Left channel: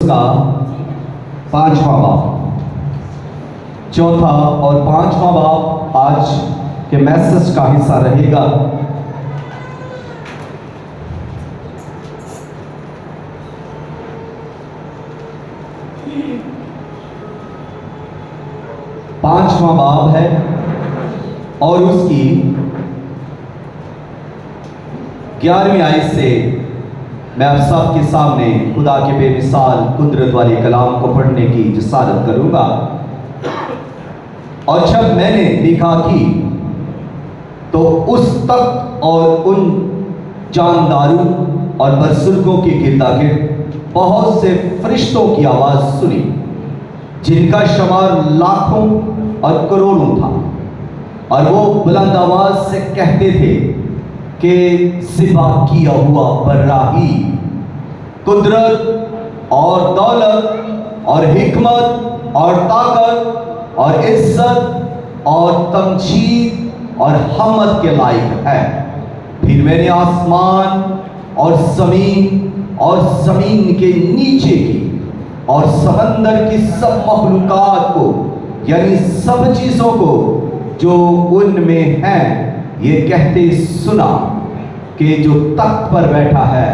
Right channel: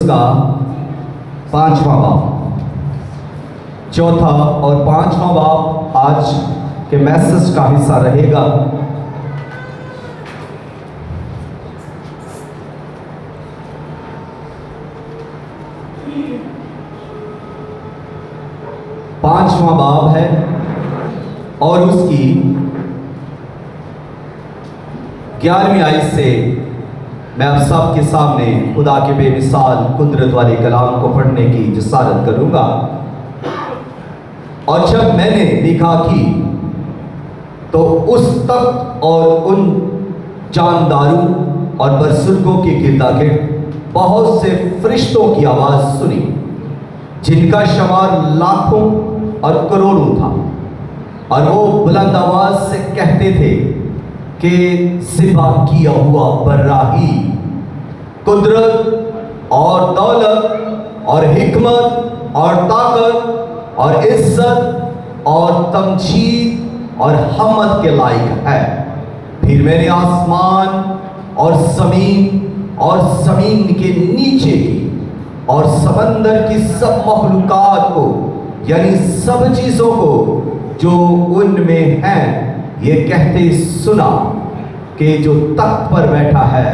کا 5واں باب، چوتھا اور 5واں باب آج کے میسج کا حصہ رہے گا۔ پانچواں باب ہے اور اس کی 11ویں آیت سے میں آپ سب کے سامنے خدا کے بے مثال قدرت والے کلام کو پڑھنے کی جسارت کروں گا۔ اور جب میں نے دیکھا کی تو اس تخت اور ان جانداروں اور برسلکوں کے گردا گرد بہت سے فرشتوں کی آواز سنی، جن کا شمار لاکھوں اور کروڑوں تھا، اور وہ بلند آواز سے کہتے تھے کہ ذبح کیا ہوا براہی، قدرت اور دولت اور حکمت اور طاقت اور عزت اور تمجید اور حمد کے لائق ہے۔ پھر میں نے آسمان اور زمین کے نیچے کی اور سمندر کی سب مخلوقات کو، یعنی سب چیزوں کو جو ان میں ہیں، یہ کہتے سنا کہ جو تخت پر بیٹھا ہے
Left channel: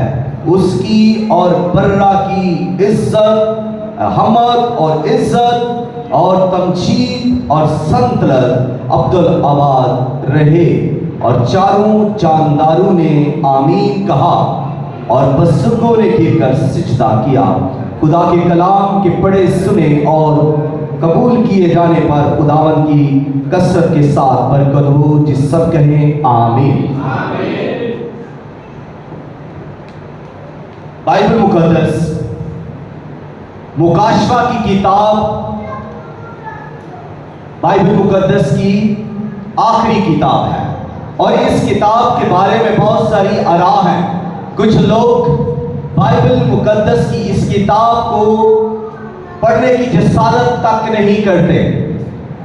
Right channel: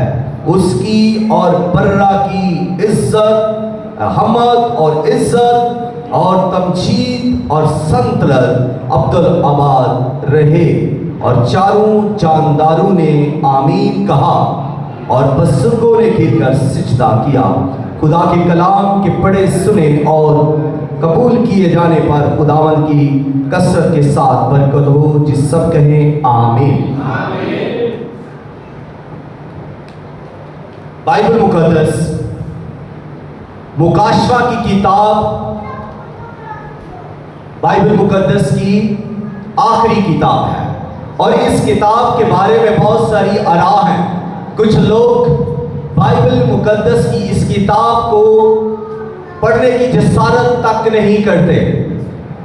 اس کی اور برا کی عزت، حمد اور عزت اور تمجید اور سنطلت ابدالآباد رہے۔ اور چاروں جانداروں نے آمین کہا اور بزرگوں نے گر کر سجدہ کیا۔ خدا کے کلام کے پڑھے سنے اور قبول کیے جانے پر خداوند کی کثرت کے ساتھ برکت ہو، جس سب کہیں آمین۔ بائبل مقدس مکاشفہ کی کتاب بائبل مقدس کی آخری کتاب ہے، اور اس کتاب کے بارے میں بہت ساری آراء ہیں۔ کچھ لوگ بائبل مقدس کی اس کتاب کو پڑھنے کی جسارت تک نہیں کرتے،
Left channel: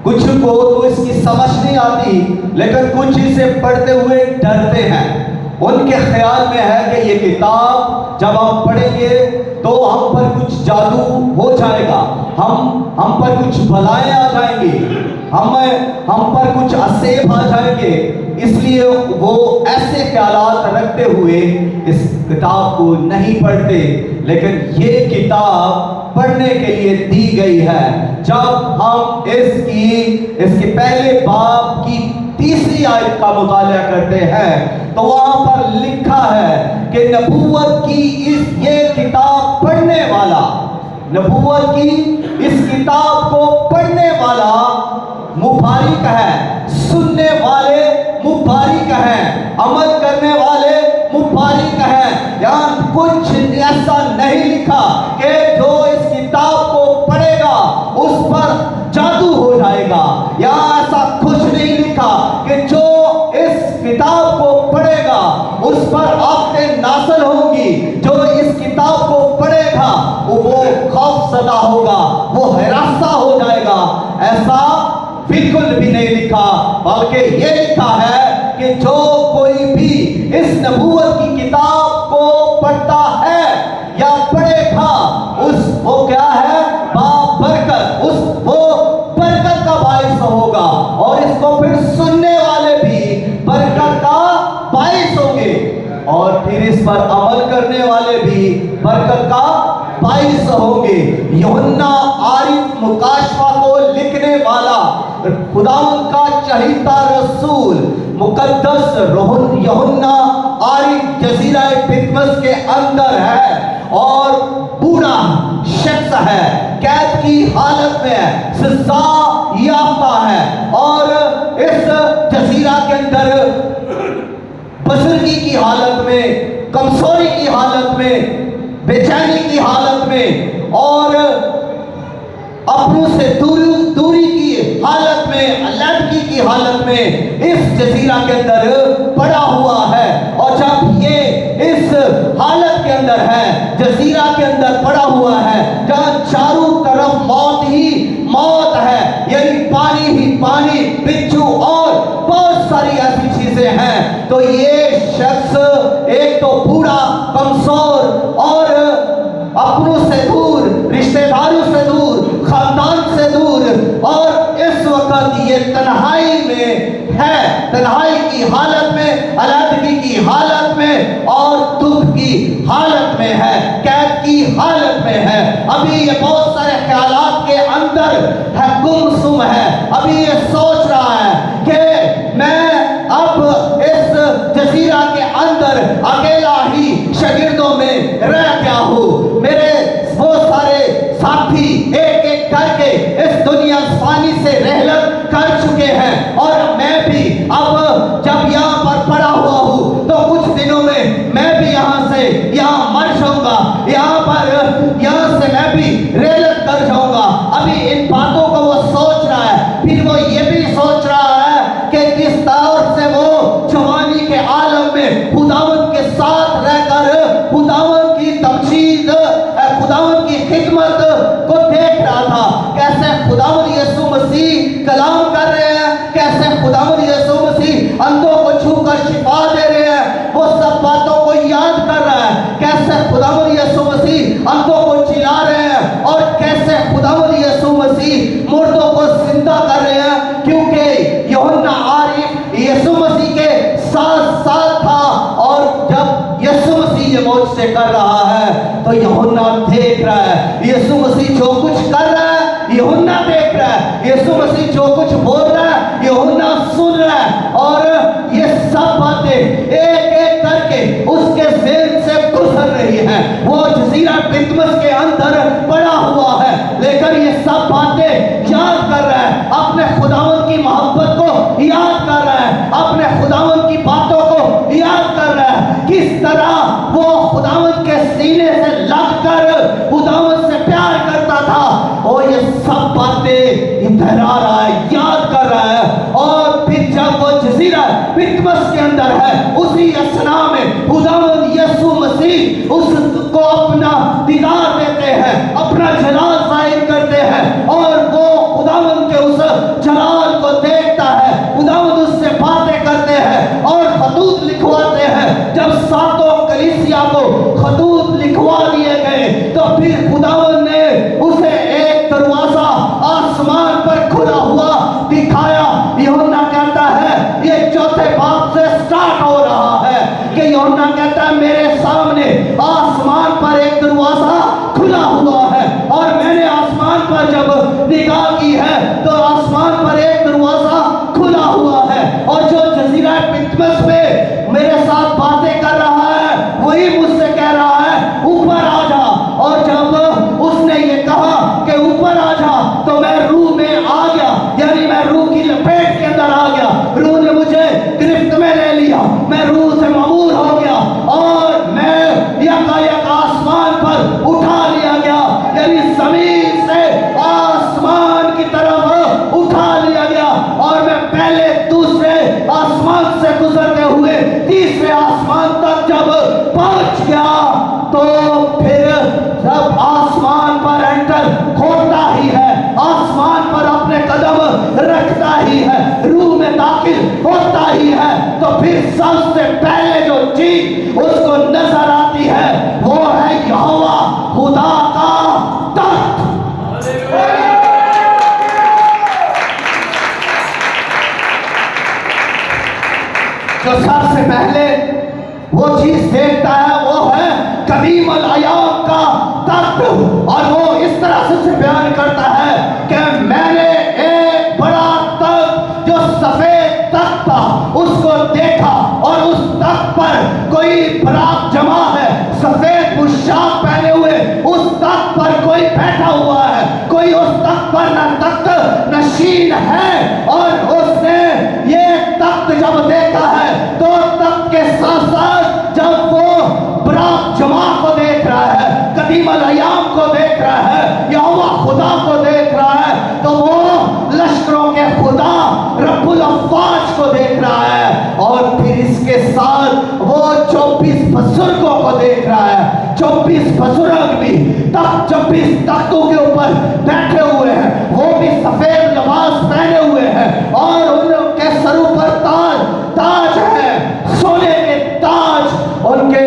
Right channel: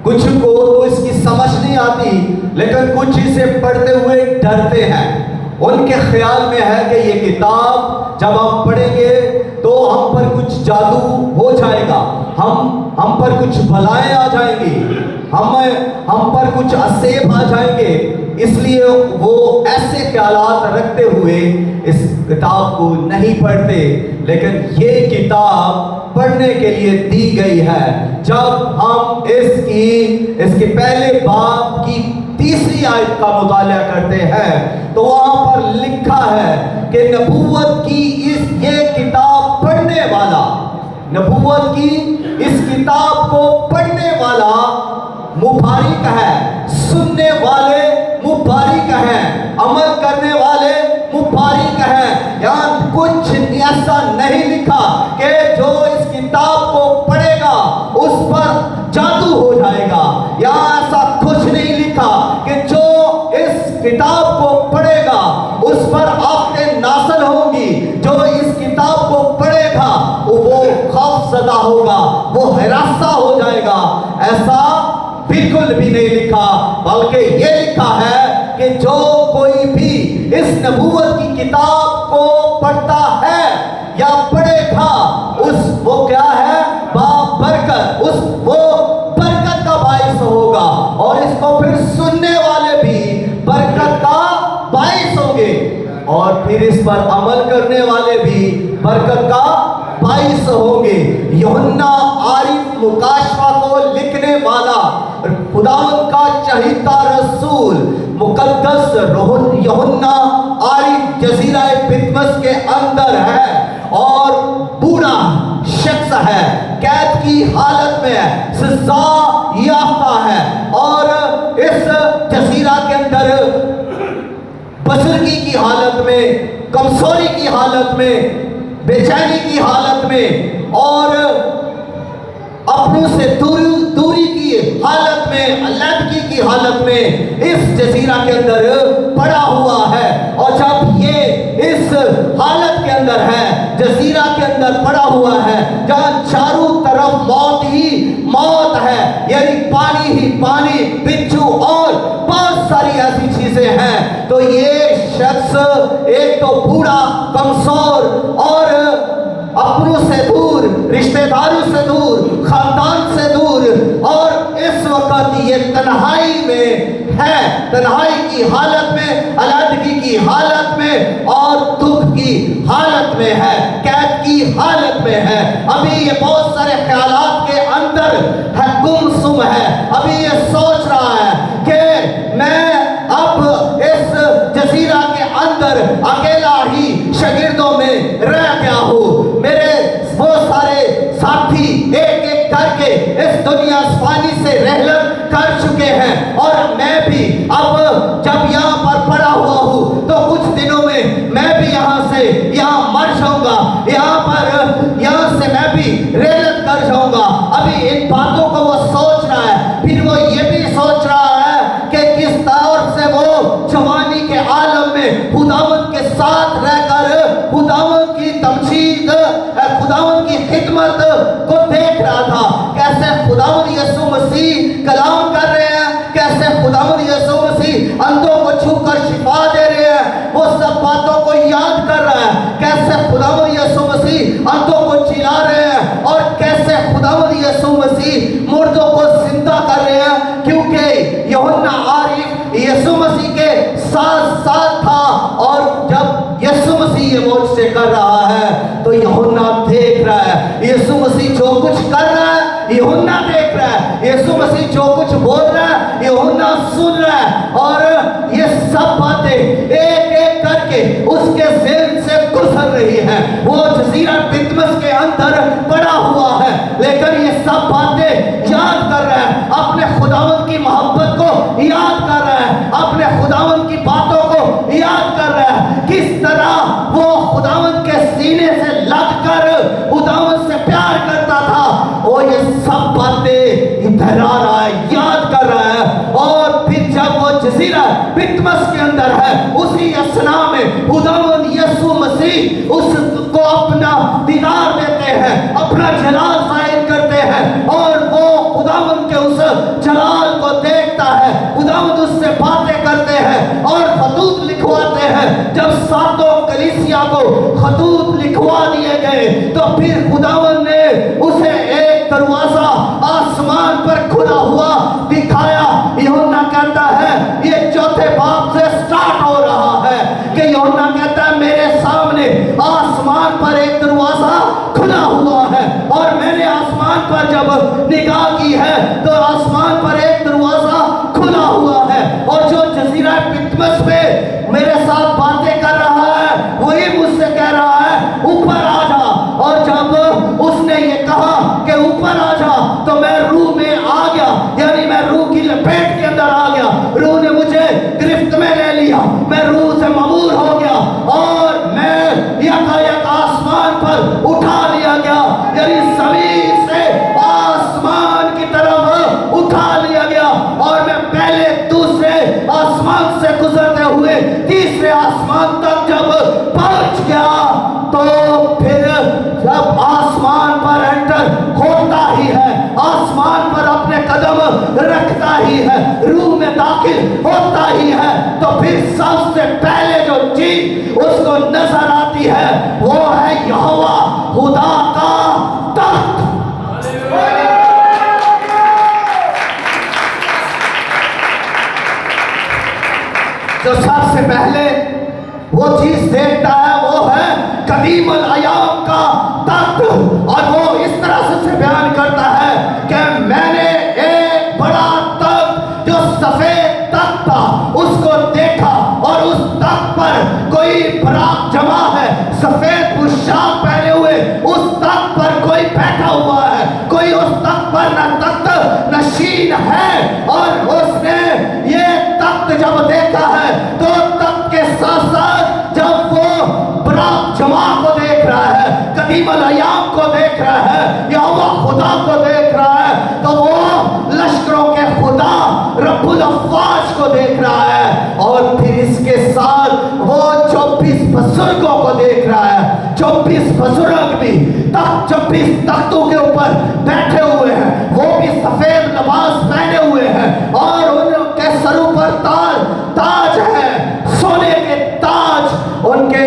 کچھ کو تو اس کی سمجھ نہیں آتی، لیکن کچھ اسے پڑھتے ہوئے ڈرتے ہیں۔ ان کے خیال میں ہے کہ یہ کتاب جب ہم پڑھیں گے تو ہم پر کچھ جادو ہو جائے گا، ہم پر کچھ بلائیں آ جائیں گی، ہم پر کچھ عذاب آ جائیں گے۔ اس لیے وہ ایسے خیالات رکھتے ہوئے اس کتاب کو نہیں پڑھتے، لیکن یہ کتاب پڑھنے کے لیے دی گئی ہے۔ جب ہم اس کے پہلے باب کی 3 آیت کا مطالعہ کرتے ہیں تو وہاں پر لکھا ہے کہ نبوت کی یہ کتاب پڑھنے والا، نبوت کی اس کتاب کو پڑھنے والا مبارک ہے، سننے والے مبارک ہیں، عمل کرنے والے مبارک ہیں۔ یہاں کچھ ایسا نہیں لکھا کہ جو اس کتاب کو پڑھے گا اس پر جادو ہو جائے گا، یہاں ایسا کچھ نہیں لکھا کہ جو اس کتاب کو پڑھے گا اس پر آفتیں نازل ہوں گی، جو اس کتاب کو پڑھے گا وہ خوف زدہ ہوگا، وہ ہراساں ہو جائے گا۔ ایسا بالکل بھی نہیں لکھا، بلکہ یہ لکھا ہے کہ جو کوئی بھی اس نبوت کی کتاب کو پڑھتا ہے یا پڑھے گا وہ کیا ہے؟ برکت، وہ برکت کا باعث ہوگا، اور اس کو پھر سننے والے بھی برکت کا باعث ہوں گے، اور پھر اس پر عمل کرنے والے بھی برکت کا باعث ہوں گے۔ یوحنا عارف مکاشفہ کو لکھنے والا خدا کا چہیتا رسول مقدس یوحنا عارف جزیرہ پتمس کے اندر ہے، اور بوڑھا شخص ہے، قید کی حالت میں سزا یافتہ ہے، اور اس جزیرہ کے اندر بزرگی کی حالت میں، کمزوری کی حالت میں، بے چینی کی حالت میں، اور اپنوں سے دوری کی حالت میں، علیحدگی کی حالت میں اس جزیرہ کے اندر پڑا ہوا ہے۔ اور جب یہ اس حالت کے اندر ہے، جزیرہ کے اندر پڑا ہوا ہے جہاں چاروں طرف موت ہی موت ہے، یعنی پانی ہی پانی، بچھو اور بہت ساری ایسی چیزیں ہیں، تو یہ شخص ایک تو بوڑھا، کمزور اور اپنوں سے دور देख रहा है, यीशु मसीह जो कुछ बोल रहा है यूहन्ना सुन रहा है, और ये सब बातें एक एक करके उसके ज़हन से गुजर रही हैं। वो जजीरा पितमस के अंदर पड़ा हुआ है, लेकिन ये सब बातें याद कर रहा है, अपने खुदावंद की मोहब्बत को याद कर रहा है, अपने खुदावंद की बातों को याद कर रहा है, किस तरह वो खुदावंद के सीने से लगकर खुदावंद से प्यार करता था। और ये सब बातें दोहरा रहा है, याद कर रहा है। और फिर जब वो जजीरा पितमस के अंदर है, उसी असना में खुदावंद यीशु मसीह उसको अपना दीदार देते हैं, अपना जलाल जाहिर करते हैं, और वो खुदावंद के उस जलाल को देखता है, खुदावंद उससे बातें करते हैं और खतूत लिखवाते हैं। जब सातों कलीसिया को खतूत लिखवा दिए गए, तो फिर खुदावंद ने उसे एक दरवाजा आसमान पर खुला हुआ दिखाया। यूहन्ना कहता है, ये चौथे बाब से स्टार्ट हो रहा है कि यूहन्ना कहता है मेरे सामने आसमान पर एक दरवाजा खुला हुआ है, और मैंने आसमान पर जब निगाह की है तो आसमान पर एक दरवाजा खुला हुआ है, और जो जजीरा पितमस पे मेरे साथ बातें कर रहा है वही मुझसे कह रहा है ऊपर आ जा। और जब उसने ये कहा कि ऊपर आ जा, तो मैं रूह में आ गया, यानी मैं रूह की लपेट के अंदर आ गया, रूह ने मुझे गिरफ्त में ले लिया, मैं रूह से ममूर हो गया, और मैं यकायक आसमान पर उठा लिया गया, यानी जमीन से आसमान की तरफ उठा लिया गया, और मैं पहले दूसरे आसमान से गुजरते हुए तीसरे आसमान तक जब पहुंच गया, तो फिर जब आसमान पर एंटर होता ही है, आसमान पर अपने कदम रखता ही है, रूह में दाखिल होता ही है, तो फिर सबसे पहले जो चीज उसको नजर आती है वो है यहोवा खुदा का तख्त। जो सबसे पहले वो चीज देखता है वो है कदीम अल अयाम का तख्त, और वो इस तरह से उसे बयान करता है कि मैंने एक बड़ा तख्त जो सफेद तख्त था उसको देखा, और उस तख्त पर कोई बरात जमा है, सफेद पोशाक पहने हुए उस तख्त पर कोई बैठा हुआ है, कोई उस तख्त पर न तख्त नशीन है। और उसने ये तख्त जब देखा है तो तख्त के साथ साथ जब वो बरात जमा को देख रहा है, कदीम अल अयाम को देख रहा है, यहोवा खुदा को देख रहा है, तो वो लश्करों के खुदा रब्बुल अफ़वाज को देख रहा है, और फिर इसके साथ वो 24 बुजुर्गों को देख रहा है। 24 बुजुर्ग भी 24 तख्तों के ऊपर बैठे हुए हैं, वो भी सफेद लिबास पहने हुए हैं, और उनके सरों पर ताज है, सोने के ताज उनके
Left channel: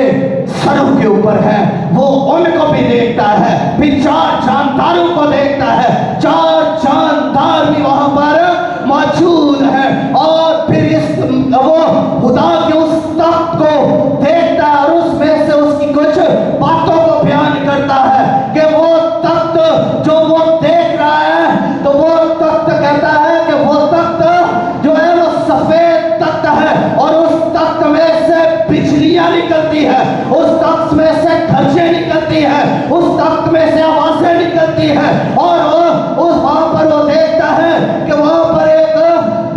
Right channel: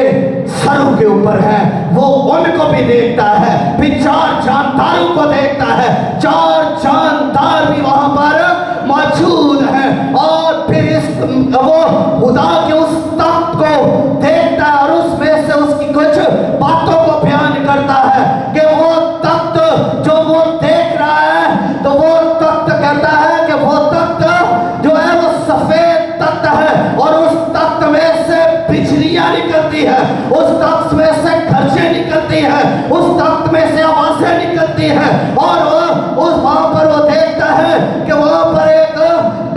सरों के ऊपर है, वो उनको भी देखता है। फिर 4 जानदारों को देखता है, 4 जानदार भी वहां पर मौजूद हैं, और फिर इस वो खुदा के उस तख्त को देखता है, और उसमें से उसकी कुछ बातों को बयान करता है कि वो तख्त जो वो देख रहा है, तो वो तख्त कहता है कि वो तख्त जो है वो सफेद तख्त है, और उस तख्त में से बिजलियां निकलती है, उस तख्त में से गरजें निकलती है, उस तख्त में से आवाजें निकलती है, और उस वहां पर वो देखता है कि वहां पर एक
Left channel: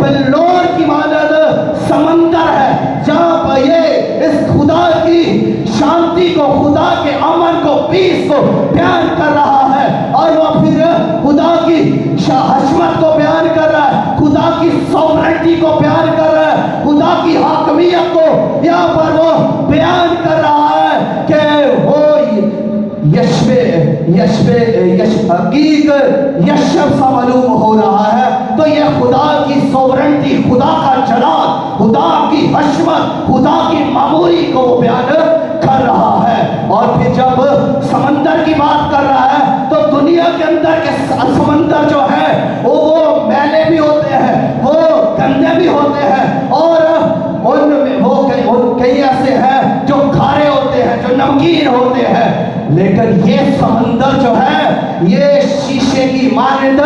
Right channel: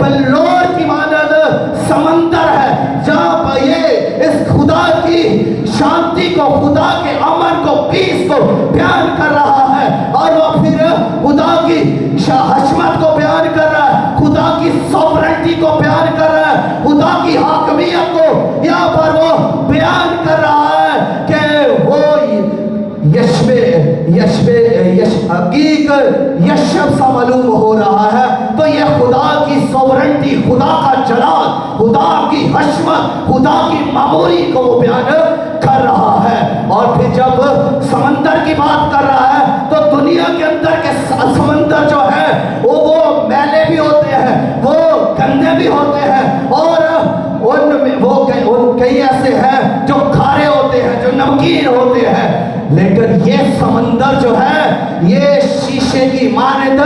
बल्लोर की मानद समंदर है, जहां पर ये इस खुदा की शांति को, खुदा के अमन को, पीस को बयान कर रहा है, और वो फिर खुदा की हशमत को बयान कर रहा है, खुदा की सॉवरेंटी को बयान कर रहा है, खुदा की हाकमियत को यहाँ पर वो बयान कर रहा है कि वो यशब सा मालूम हो रहा है। तो ये खुदा की सॉवरेंटी, खुदा का जलाल, खुदा की हशमत, खुदा की मामूली को वो बयान कर रहा है। और फिर जब समंदर की बात कर रहा है, तो दुनिया के अंदर के समंदर जो है वो मैले भी होते हैं, वो गंदे भी होते हैं, और उनमें वो कई ऐसे हैं जो खारे होते हैं, जो नमकीन होते हैं, लेकिन ये समंदर जो है ये शीशे की मानद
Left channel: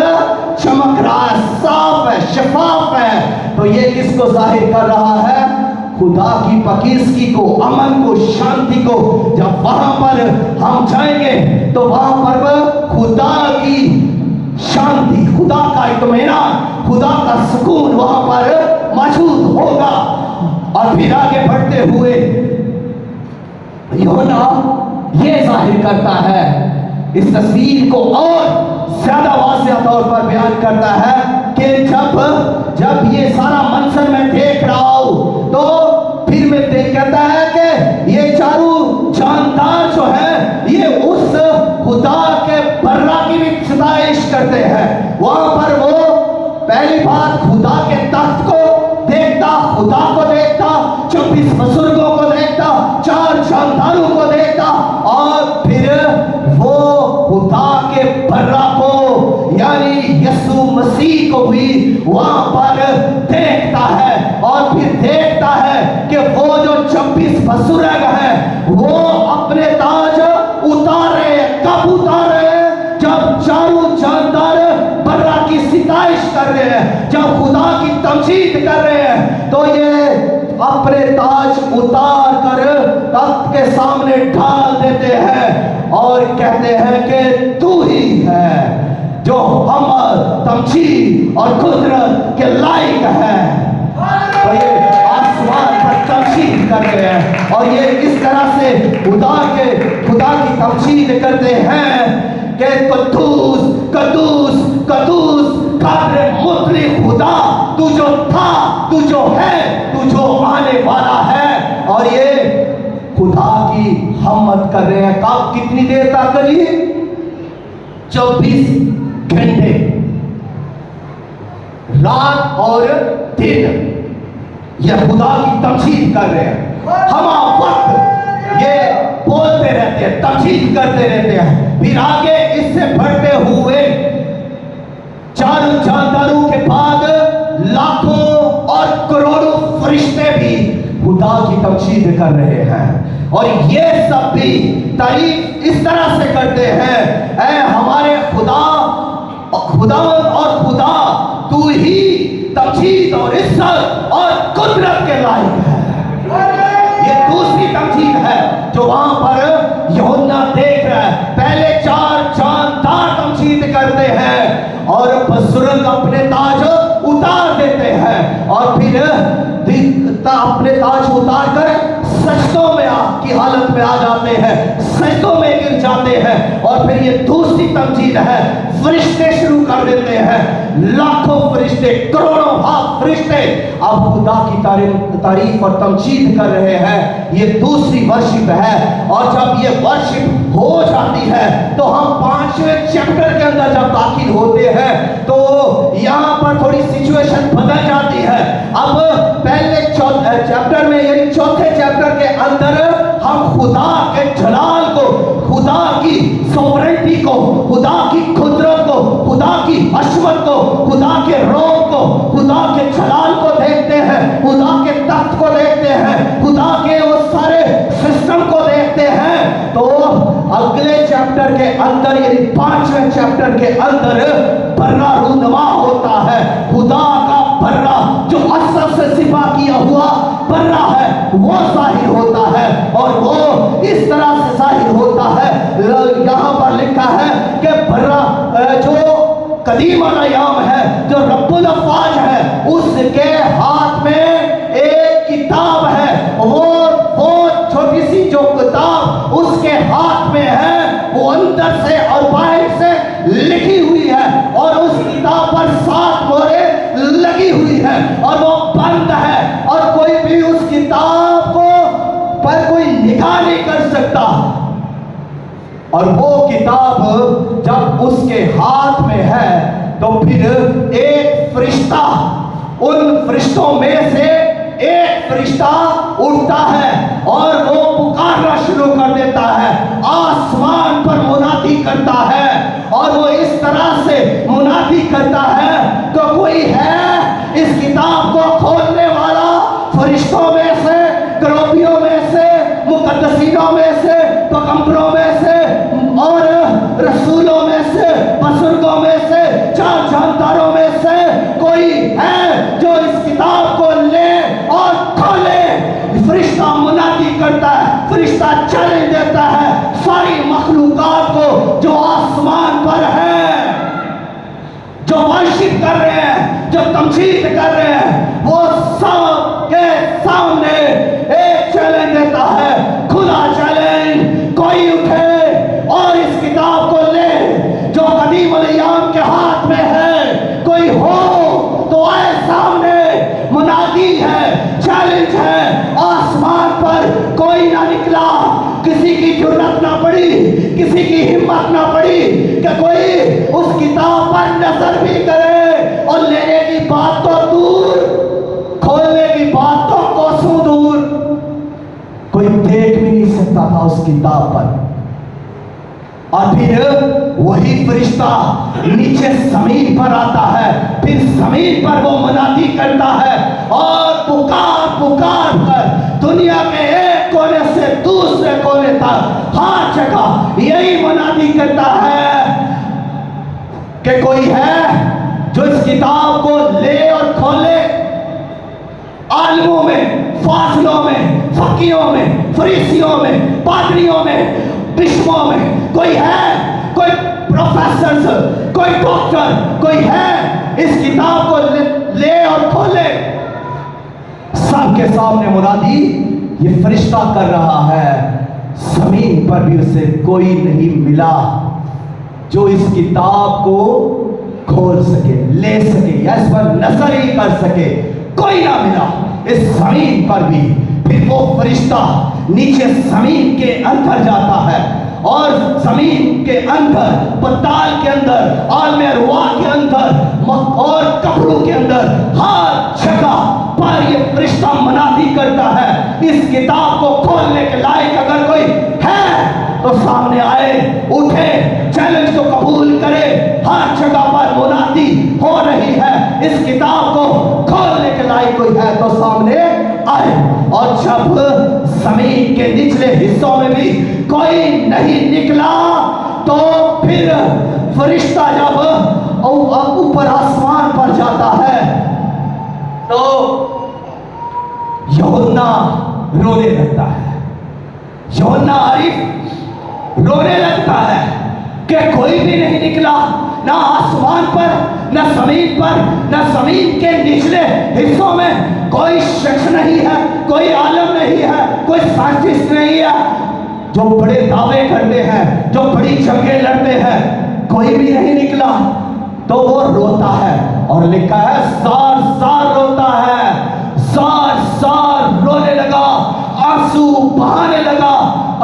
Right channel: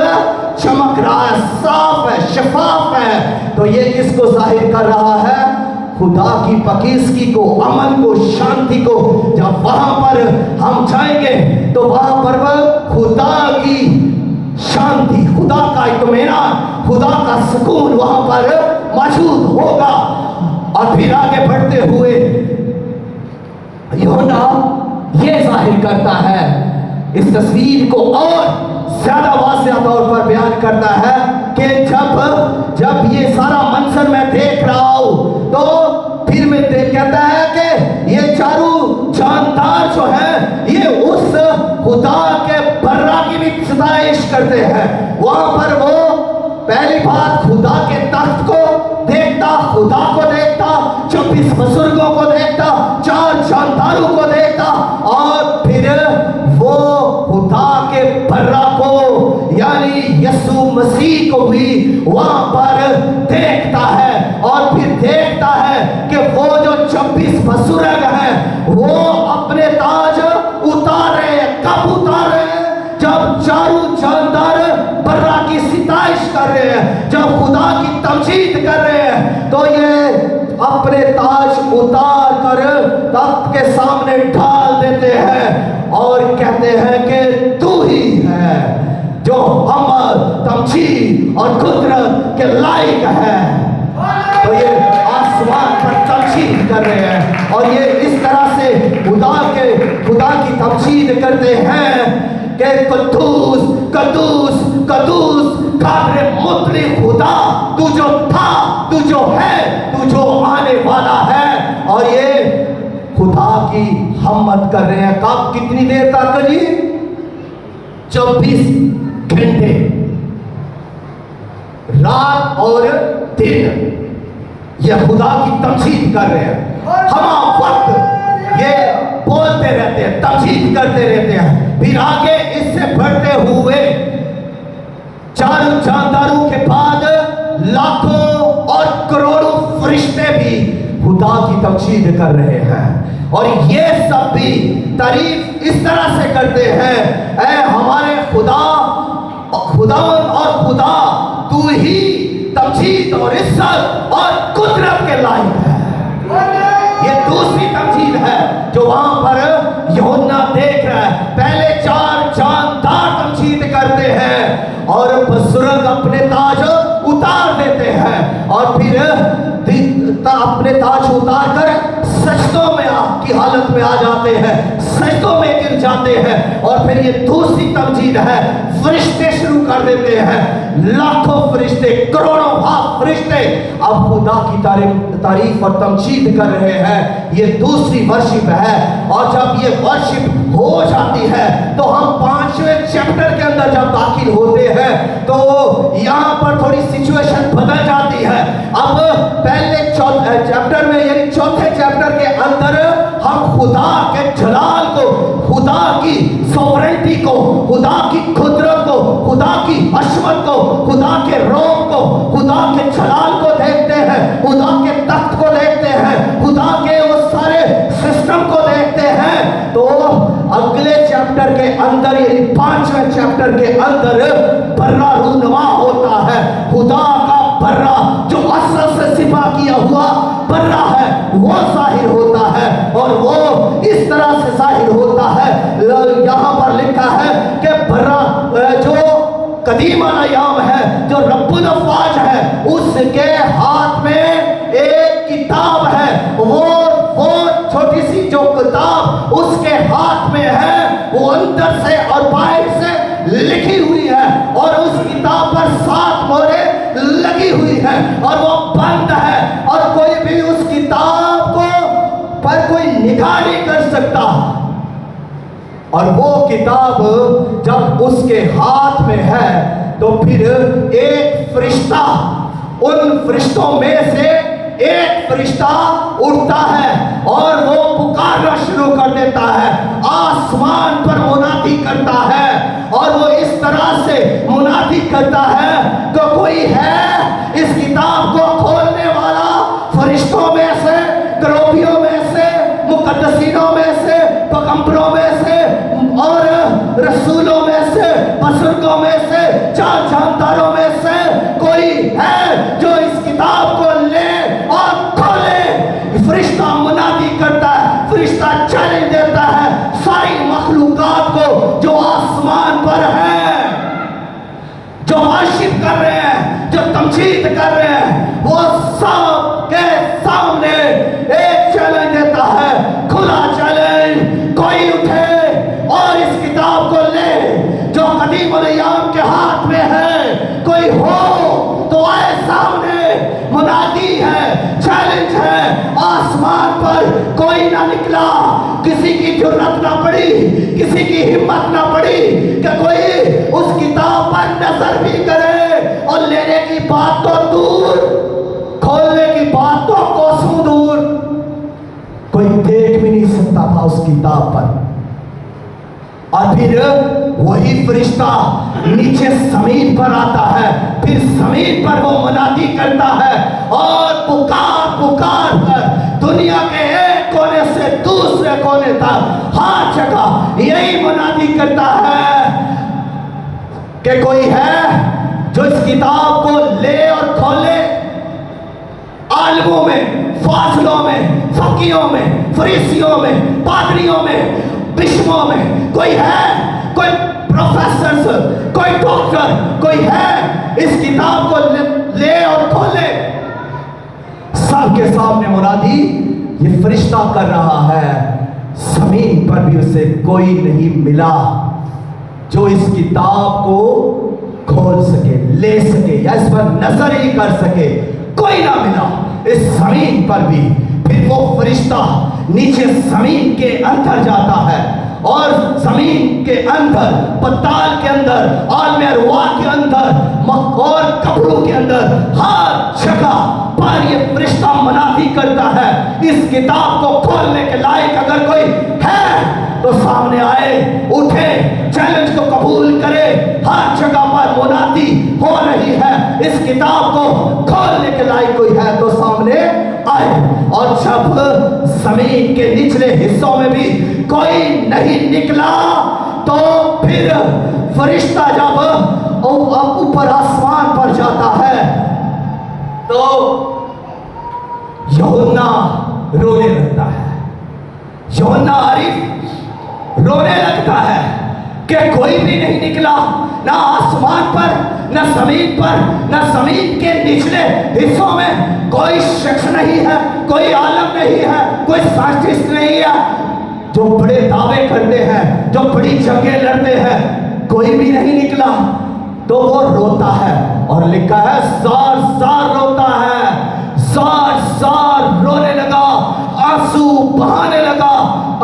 चमक रहा है, साफ है, शफाफ है। तो ये किसको जाहिर कर रहा है? खुदा की पकीज़गी को, अमन को, शांति को। जब वहां पर हम जाएंगे तो वहां पर खुदा की शांति, खुदा का इत्मीनान, खुदा का सुकून वहां पर मौजूद होगा। और फिर आगे बढ़ते हुए यूहन्ना ये जाहिर करता है, इस तस्वीर को और ज्यादा वाज़ेह तौर पर बयान करता है कि जब ये सारा मंजर मैं देख रहा हूं तो फिर मैं कहता है कि ये चारों जानदार जो है ये उस खुदा के बर्रा की भी सताइश करते हैं। वहां पर वो पहली बात खुदा के तख्त को देखता, खुदा को देखता, 24 बुजुर्गों को देखता, 4 जानदारों को देखता, और फिर वो खुदा के बर्रा को यानी यीशु मसीह को भी वहां पर देखता है। और फिर देखता है कि वो जो 24 बुजुर्ग हैं वो अपने ताज उतारे। कब उतारे? जब चारों जानदार बर्रा की सिताइश कर रहे हैं, जब खुदा की तमजीद कर रहे हैं, तो ये अपने ताज उतार कर तख्त के सामने ढाल देते हैं और कहते हैं कि तू ही है जो अमर, तमजीद और कुदरत के लायक है। तो ये आसमान पर तमजीद कर रहे हैं और ये इस तरह से खुदा की तमजीद करते हैं कि कद्दूस कद्दूस कद्दूस कादरे मुतलक खुदा, तू जो था, तू जो है, तू जो आने वाला है। और ये खुदा की हम्मत कर रहे हैं। कब? कितनी देर तक जी? 24 घंटे, रात और दिन ये खुदा की तमजीद कर रहे हैं। हम वक्त ये बोलते रहते हैं, तमजीद करते रहते हैं। फिर आगे इससे बढ़ते हुए चारों जानदारों के बाद लाखों और करोड़ों फरिश्ते भी खुदा की तमजीद कर रहे हैं। और ये सब भी तारीफ इस तरह से करते हैं, ऐ हमारे खुदा और खुदा, तू ही तमजीद और इज्जत और कुदरत के लायक है। ये दूसरी तमजीद है जो वहां पर यूहन्ना देख रहा है। पहले 4 जानदार तमजीद करते हैं और बुजुर्ग अपने ताज उतार देते हैं और फिर अपने ताज उतार कर सजदों में की हालत में आ जाते हैं, सजदों में गिर जाते हैं। और फिर ये दूसरी तमजीद है, फरिश्ते शुरू कर देते हैं, लाखों फरिश्ते, करोड़ों फरिश्ते अब खुदा की तारीफ और तमजीद कर रहे हैं। ये दूसरी वर्शिप है। और जब ये वर्शिप हो जाती है तो हम 5वें चैप्टर के अंदर जब दाखिल होते हैं तो यहाँ पर थोड़ी सिचुएशन बदल जाती है। अब पहले चैप्टर में यानी 4थे चैप्टर के अंदर हम खुदा के जलाल को, खुदा की सॉवरेंटी को, खुदा की कुदरत को, खुदा की अशमत को, खुदा के रोब को, खुदा के जलाल को देखते हैं, खुदा के तख्त को देखते हैं, खुदा के उस सारे सिस्टम को देखते हैं। तो अगले चैप्टर के अंदर यानी 5वें चैप्टर के अंदर बर्रा रूनुमा होता है। खुदा का बर्रा जो असल से सिफा किया हुआ बर्रा है वो जाहिर होता है। और वो इस तरह से जाहिर होता है, यहाँ पर लिखा है कि बर्रा जो कदीम अल-अय्याम है, जो रब्बुल अफ़वाज है, उसके हाथ में एक किताब है। वो छोटी सी जो किताब उसके हाथ में है वो अंदर से और बाहर से लिखी हुई है और उस किताब पर 7 मोहरें लगी हुई है और वो बंद है और कोई भी उस किताब को पर कोई निगाह नहीं कर सकता। और वो किताब जब उसके हाथ में है तो फिर एक फरिश्ता, उन फरिश्तों में से एक फरिश्ता उठता है और वो पुकारना शुरू कर देता है, आसमान पर मुनादी करता है। और वो इस तरह से मुनादी करता है तो कोई है इस किताब को खोलने वाला, फरिश्तों में से, करोबियों में से, मुकद्दसीनों में से, पैगंबरों में से और और फिर वही फरिश्ता नीचे जमीन पर आता है, फिर जमीन पर वो मुनादी करता है और पुकार पुकार कर दुनिया के एक कोने से दूसरे कोने तक हर जगह यही मुनादी करता है कि कोई है जो इस किताब को ले और खोले। आलिमों में, फाजिलों में, फकीहों में, फरीसियों में, पादरियों में, बिशपों में कोई है, कोई प्रोफेसर, कोई डॉक्टर, कोई है इस किताब को ले और खोले। सबके सामने मुनादी ये फरिश्ता कर रहा है। जमीन पर भी उसे कोई नहीं मिला जो इस किताब को खोल सके, ले सके या इस पर नजर ही कर सके, कोई ना मिला इस जमीन पर भी। फिर वो फरिश्ता नीचे जमीन के अंदर जाता है और जमीन के अंदर, पताल के अंदर, आलम अरवाह के अंदर और कब्रों के अंदर हर जगह पर ये फरिश्ता मुनादी करता है। इस किताब को खोलने के लायक अगर कोई है तो सामने आए, उठे, चैलेंज को कबूल करे। हर जगह पर मुनादी हो रही है, इस किताब को खोलने के लायक कोई है तो सामने आए। और जब जमीन के निचले हिस्सों में भी कोई नहीं निकला तो फिर फरिश्ता जब ऊपर आसमान पर जाता है तो यूहन्ना रोने लगता है। यूहन्ना आरिफ रोने लगता है कि कोई भी नहीं निकला, ना आसमान पर, ना जमीन पर, ना जमीन के निचले हिस्सों में कोई शख्स नहीं है, कोई आलम नहीं है, कोई साइंटिस्ट नहीं है जो बड़े दावे करते हैं, जो बड़ी जंगें लड़ते हैं, कोई भी नहीं निकला। तो वो रोता है और लिखा है जार जार रोता है, जार जार रोने लगा, आंसू बहाने लगा,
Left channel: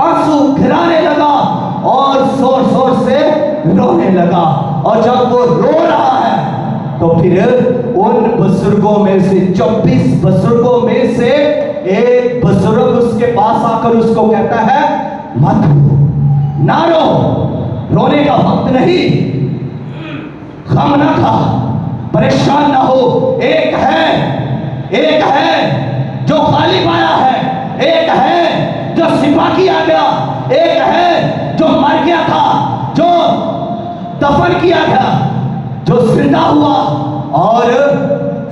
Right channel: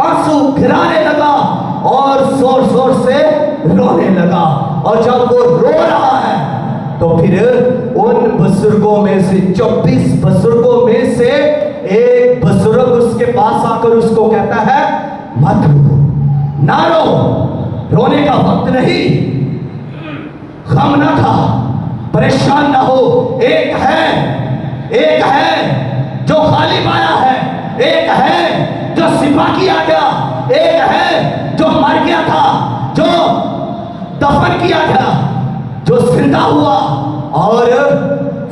आंसू गिराने लगा और जोर जोर से रोने लगा। और जब वो रो रहा है तो फिर उन बुजुर्गों में से 24 बुजुर्गों में से एक बुजुर्ग उसके पास आकर उसको कहता है मत रो, ना रो, रोने का वक्त नहीं, गम ना खा, परेशान ना हो। एक है जो खाली पाया है, एक है जो सिपा किया गया, एक है जो मर गया था, जो दफन किया गया, जो जिंदा हुआ और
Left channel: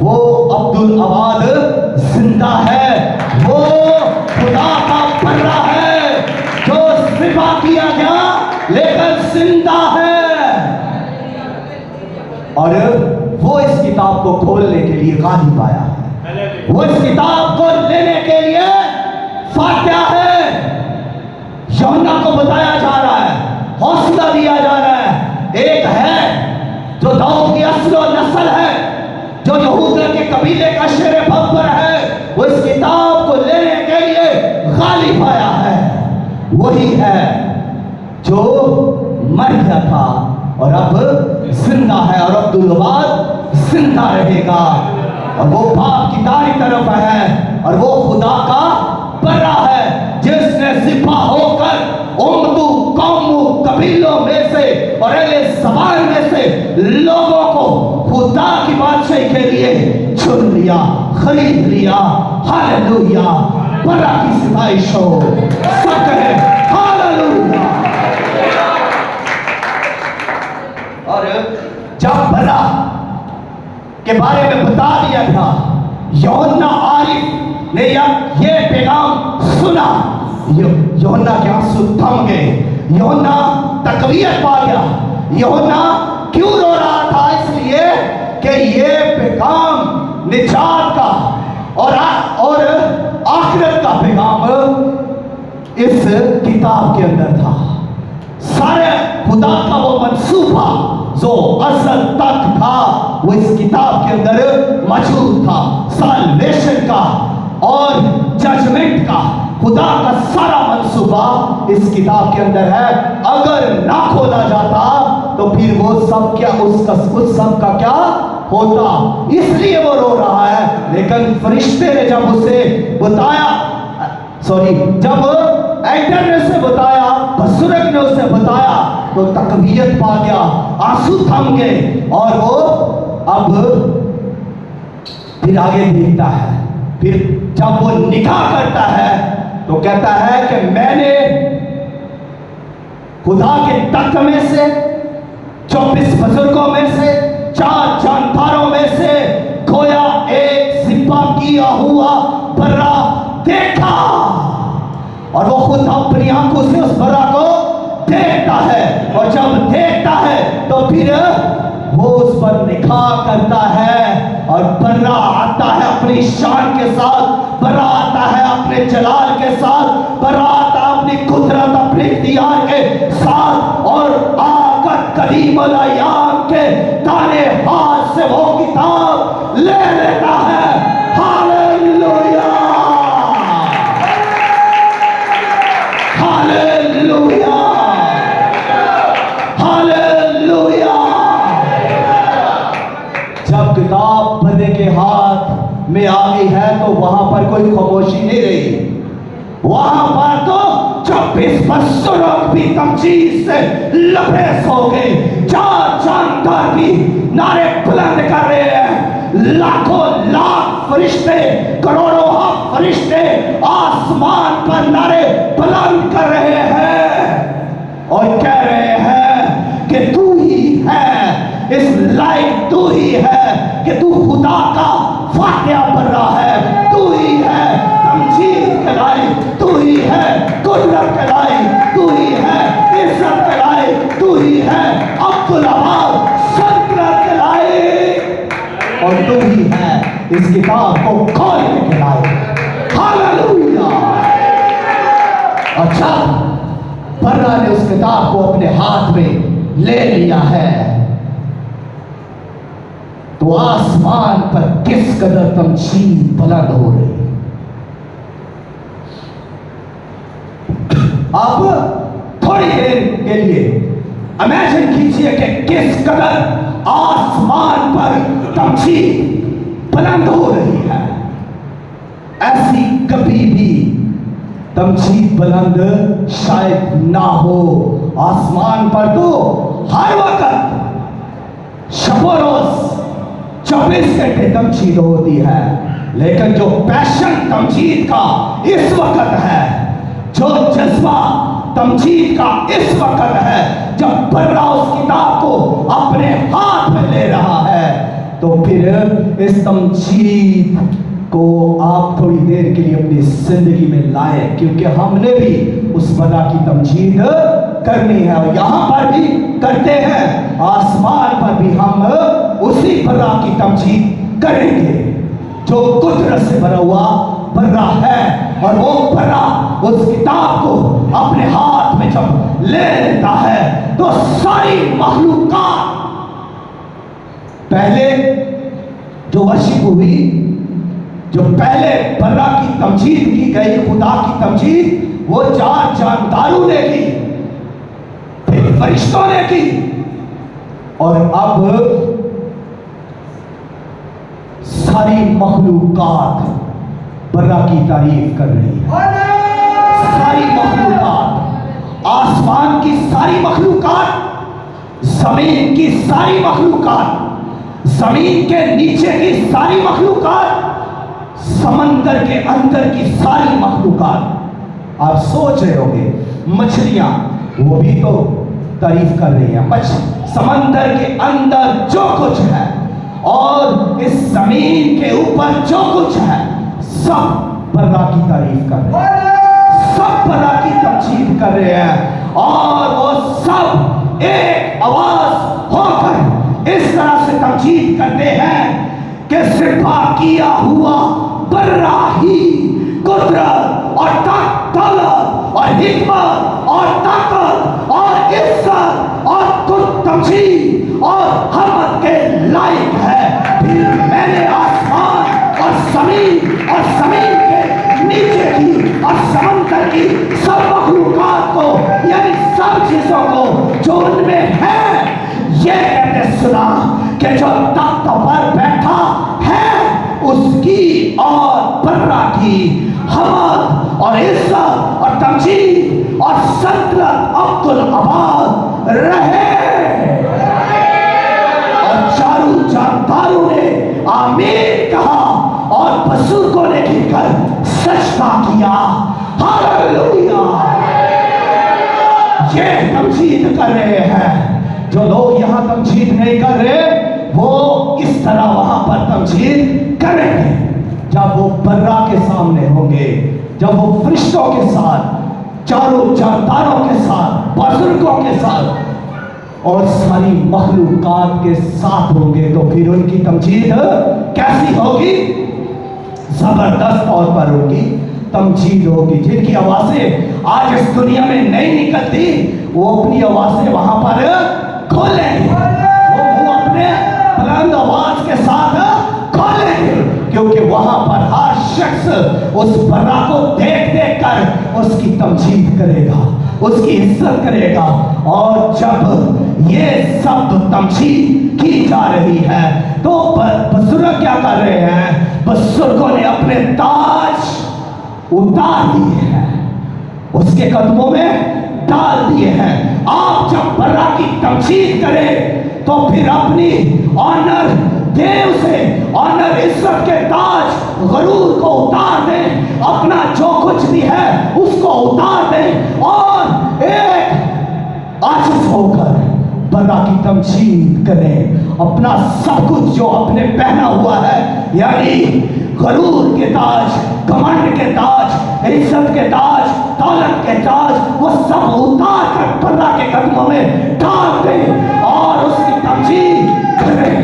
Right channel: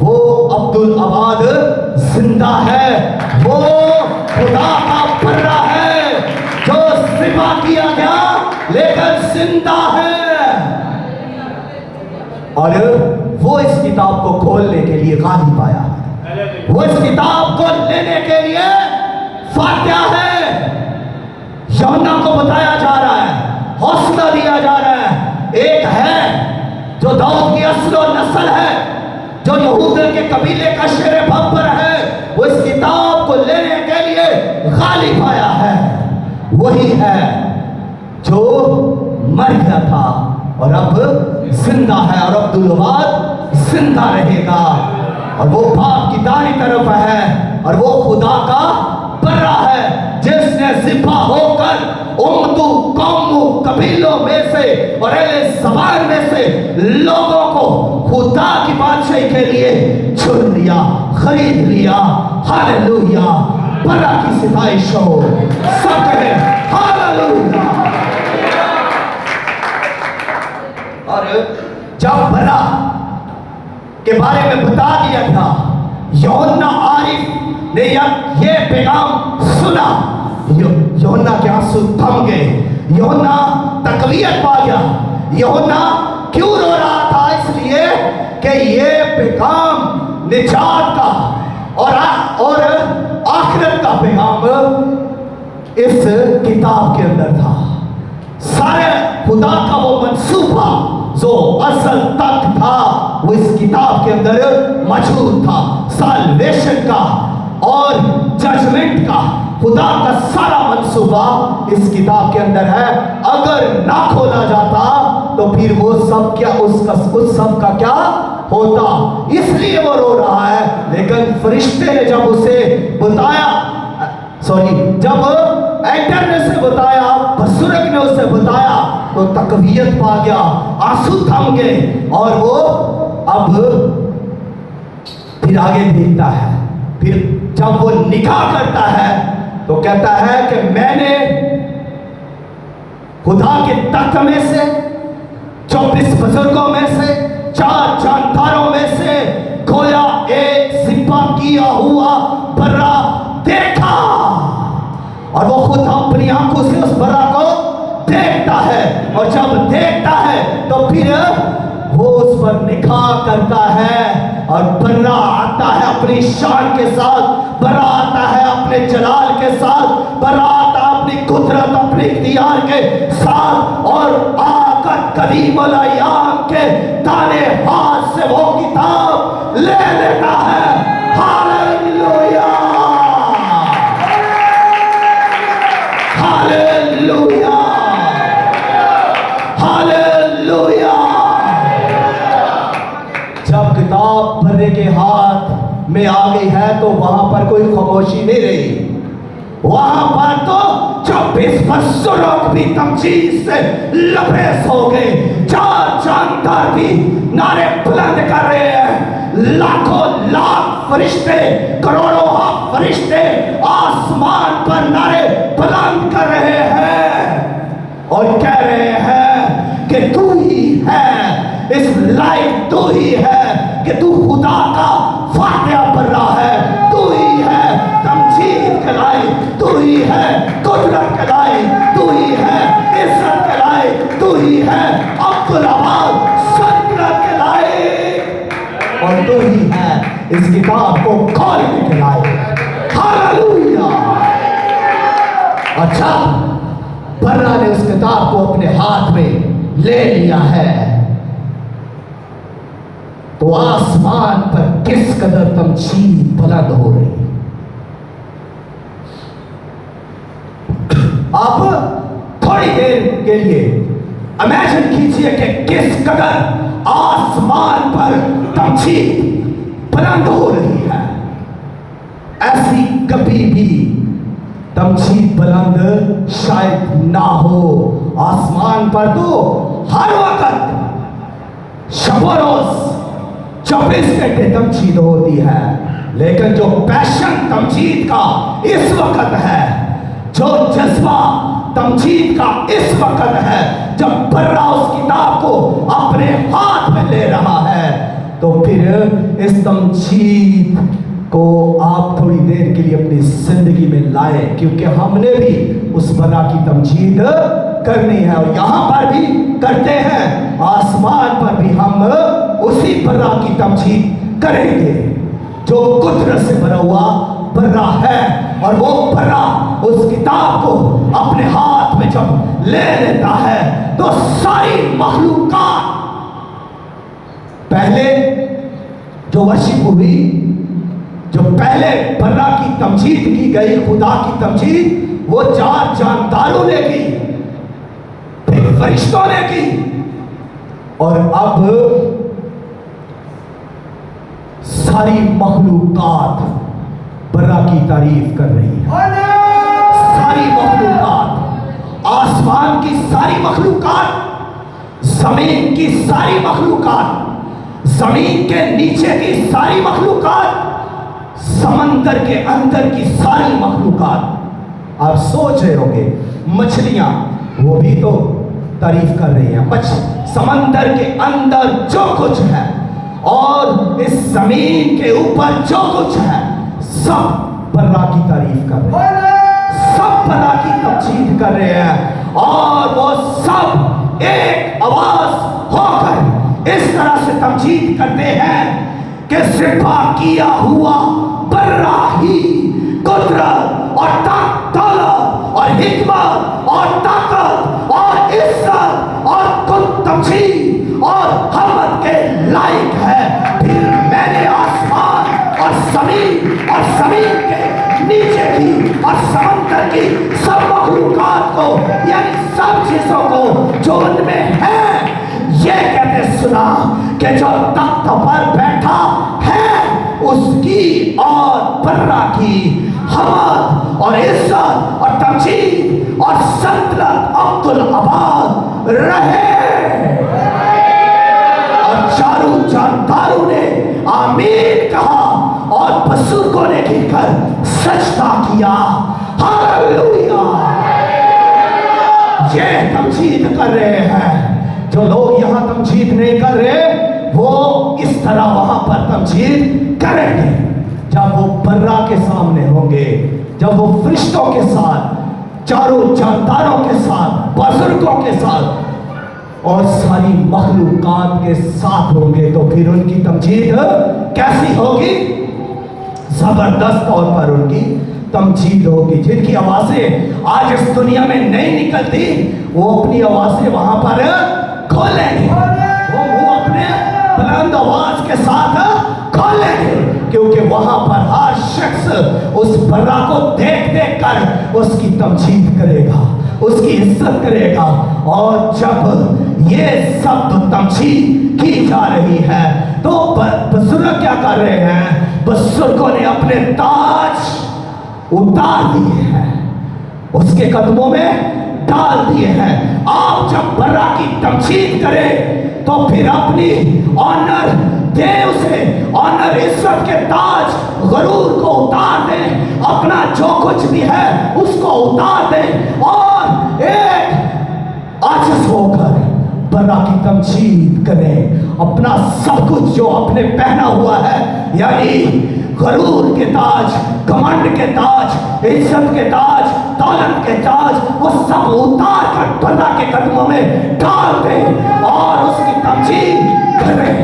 वो अब्दुल अबाद जिंदा है। वो खुदा का बर्रा है जो सिपा किया गया लेकिन जिंदा है। और वो इस किताब को खोलने के लिए गालिब आया है, वो इस किताब को लेने के लिए फातिहा है। यूहन्ना को बताया जा रहा है, हौसला दिया जा रहा है, एक है जो दाऊद की असल और नस्ल है, जो यहूदा के कबीले का शेर बब्बर है, वो इस किताब को लेने के लिए गालिब आया है। वही है जो मर गया था और अब जिंदा है और अब्दुल अबाद जिंदा रहेगा। और वो बाप की दाई तरफ है और वो खुदा का बर्रा है जिसने जिब्बा होकर उम्मतों, कौमों, कबीलों में से और अहले ज़बान में से लोगों को खुदा की बादशाही के लिए चुन लिया, खरीद लिया। हालेलुया, बर्रा की सिफारिश हो, सब कहें हालेलुया। और जब बर्रा के बारे में बता दिया था, यूहन्ना आरिफ ने ये पैगाम सुना, यूहन्ना के आंसू थम गए, यूहन्ना तकवीयत पा गया। यूहन्ना क्यों रो रहा था? इसलिए कि ये पैगाम निजात का और आखिरत का पैगाम इस किताब के अंदर था। सारे खुदा का वो मंसूबा जो असल तक था वो इस किताब के अंदर मौजूद था। साल्वेशन का और जजमेंट का, खुदा का सारा मंसूबा इस किताब के अंदर है। अगर ना खोला जाता तो फिर वो सब क्या, उस सब का क्या होता? इसलिए वो रो रहा है। लेकिन फरिश्ते ने जब उसे बताया, जब एंटर ने उसे बताया, बुजुर्ग ने उसे बताया तो तकबीयत पा गया, आंसू थम गए और वो अब फिर आगे देखता है। फिर जब वो निकाह करता है तो कहता है कि मैंने खुदा के तख्त में से 24 बुजुर्गों में से 4 जानदारों में से गोया एक सिपा किया हुआ बर्रा देखा, और वो खुद अपनी आंखों से उस बर्रा को देखता है, और जब देखता है तो फिर वो उस पर निकाह करता है, और बर्रा आता है अपनी शान के साथ, बर्रा आता है अपने जलाल के साथ, बर्रा आता है अपनी कुदरत अपने इख्तियार के साथ, और आकर कदीम अल-अय्याम के दाने हाथ से वो किताब ले लेता है। Hallelujah, hallelujah, hallelujah. जब किताब बर्रे के हाथ में आ गई है तो वहां पर कोई खामोशी नहीं रही, वहां पर तो 24 बुजुर्ग भी तमजीद से लबरेज हो गए, 4 जानदार भी नारे बुलंद कर रहे हैं, लाखों लाख फरिश्ते, करोड़ों फरिश्ते आसमान पर नारे बुलंद कर रहे हैं और कह रहे हैं कि तू ही है, इस लायक तू ही है कि तू खुदा का फातिहा पढ़ रहा है, तू ही है तमजीद के लायक, तू ही है कुदरत के लायक, तू ही है इज्जत के लायक, तू ही है अब्दुल अबाद सल्तनत के लायक, और तू ही है इस किताब को खोलने के लायक। हालेलुया। अच्छा, बर्रा ने उस किताब को अपने हाथ में ले लिया है तो आसमान पर किस कदर तमजीद बुलंद हो रही। आप थोड़ी देर के लिए इमेजिन कीजिए कि किस कदर आसमान पर तमजीद बुलंद हो रही है। ऐसी कभी भी तमजीद बुलंद शायद ना हो। आसमान पर तो हर वक्त शब रोज 24 घंटे तमजीद होती है, लेकिन जो पैशन तमजीद का इस वक्त है, जो जज्बा तमजीद का इस वक्त है, जब बर्रा उस किताब को अपने हाथ में ले रहा है, तो फिर इस तमजीद को आप थोड़ी देर के लिए अपनी जिंदगी में लाए, क्योंकि हमने भी उस बर्रा की तमजीद करनी है और यहां पर भी करते हैं, आसमान पर भी हम उसी बर्रा की तमजीद करेंगे जो कुदरत से भरा हुआ बर्रा है। और वो बर्रा उस किताब को अपने हाथ में जब ले लेता है तो सारी मखलूकात, पहले जो वर्शिप हुई, जो पहले बर्रा की तमजीद की गई, खुदा की तमजीद, वो 4 जानदारों ने की, फिर फरिश्तों ने की, और अब सारी मखलूकात बर्रा की तारीफ कर रही है। सारी मखलूकात, आसमान की सारी मखलूकात, जमीन की सारी मखलूकात, जमीन के नीचे की सारी मखलूकात, समंदर के अंदर की सारी मखलूकात। आप सोच रहे होंगे मछलियां, वो भी तो तारीफ कर रही है, समंदर के अंदर जो कुछ है और इस जमीन के ऊपर जो कुछ है, सब बर्रा की तारीफ कर रहे हैं, सब बर्रा की तमजीद कर रहे हैं, और वो सब एक आवाज होकर इस तरह से तमजीद करते हैं कि सिपा किया हुआ बर्रा ही कुदरत और दौलत और हिकमत और ताकत और इज्जत और तमजीद और हमद के लायक है। फिर मैंने आसमान और जमीन के नीचे की और समुद्र की सब मखलूकात को, यानी सब चीजों को जो उनमें है, ये कहते सुना कि जो तख्त पर बैठा है उसकी और बर्रा की हमद और इज्जत और तमजीद और सल्तनत अब्दुल अबाद रहे। और चारों जानदारों ने आमीन कहा और बुजुर्गों ने गिरकर सजदा किया। हालेलुया। ये तमजीद कर रहे हैं। जो लोग यहाँ तमजीद नहीं कर रहे वो इस तरह वहां पर तमजीद करेंगे जब वो बर्रा के सामने होंगे, जब वो फरिश्तों के साथ, चारों जानदारों के साथ, बुजुर्गों के साथ और सारी मखलूकात के साथ होंगे। तो फिर उनकी तमजीद कैसी होगी? जबरदस्त तौर पर उनकी तमजीद होगी। जिनकी आवाजें आज इस दुनिया में नहीं निकलती वो अपनी आवाजें वहां पर खोलेंगे, वो मुंह अपने बुलंद आवाज के साथ खोलेंगे, क्योंकि वहां पर हर शख्स उस बर्रा को देख देख कर उसकी तमजीद करेगा, उसकी इज्जत करेगा। और जब ये सब तमजीद की जा रही है तो बुजुर्ग क्या कर रहे हैं? बुजुर्गों ने अपने ताज उतार दिए हैं, उसके कदमों में डाल दिए हैं। आप जब बर्रा की तमजीद करें तो फिर अपनी ऑनर दे, उसे ऑनर इज्जत के ताज गरूर को उतार दें, अपना जो कुछ भी है उसको उतार दें और एक आजिज़ होकर बर्रा की तमजीद करें। अपना सब कुछ जो आपने पहना हुआ है, यानी गरूर के ताज, घमंड के ताज, इज्जत के ताज, दौलत के ताज, वो सब उतार कर बर्रा के कदमों में डाल दें और उसकी तमजीद करें,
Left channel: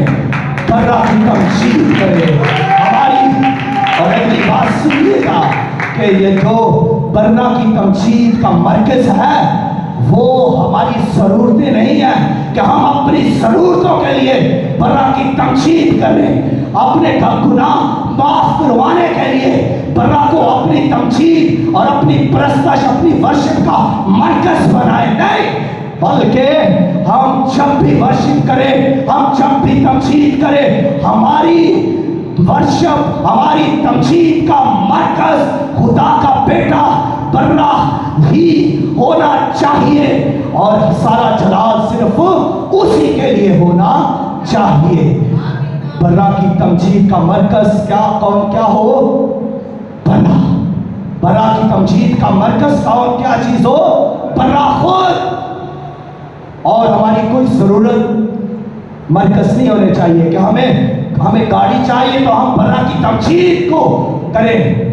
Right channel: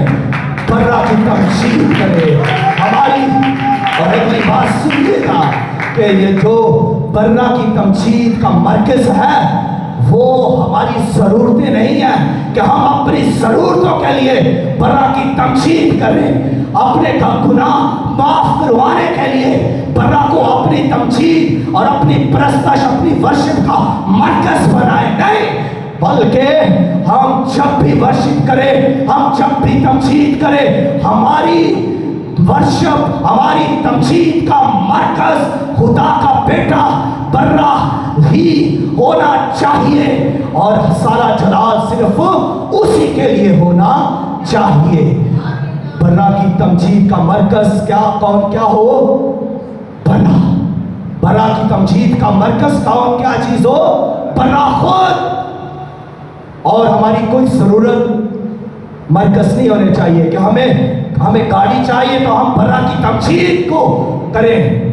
बर्रा की तमजीद करें। हमारी और अगली बात सुनिएगा कि ये जो बर्रा की तमजीद का मरकज है वो हमारी जरूरतें नहीं है कि हम अपनी जरूरतों के लिए बर्रा की तमजीद करें, अपने गुनाह माफ करवाने के लिए बर्रा को अपनी तमजीद और अपनी परस्तश, अपनी वर्शिप का मरकज बनाए। नहीं, बल्कि हम जब भी वर्शिप करें, हम जब भी तमजीद करें, हमारी वर्शिप, हमारी तमजीद का मरकज खुदा का बेटा बर्रा ही होना चाहिए और सारा जलाल सिर्फ उसी के लिए होना चाहिए। बर्रा की तमजीद का मरकज क्या, कौन क्या हो? बर्रा। बर्रा की तमजीद का मरकज कौन, क्या चीज हो? बर्रा खुद। और हमारी कोई जरूरत मरकज नहीं होने चाहिए कि हमें गाड़ी चाहिए तो हम बर्रा की तमजीद को करें।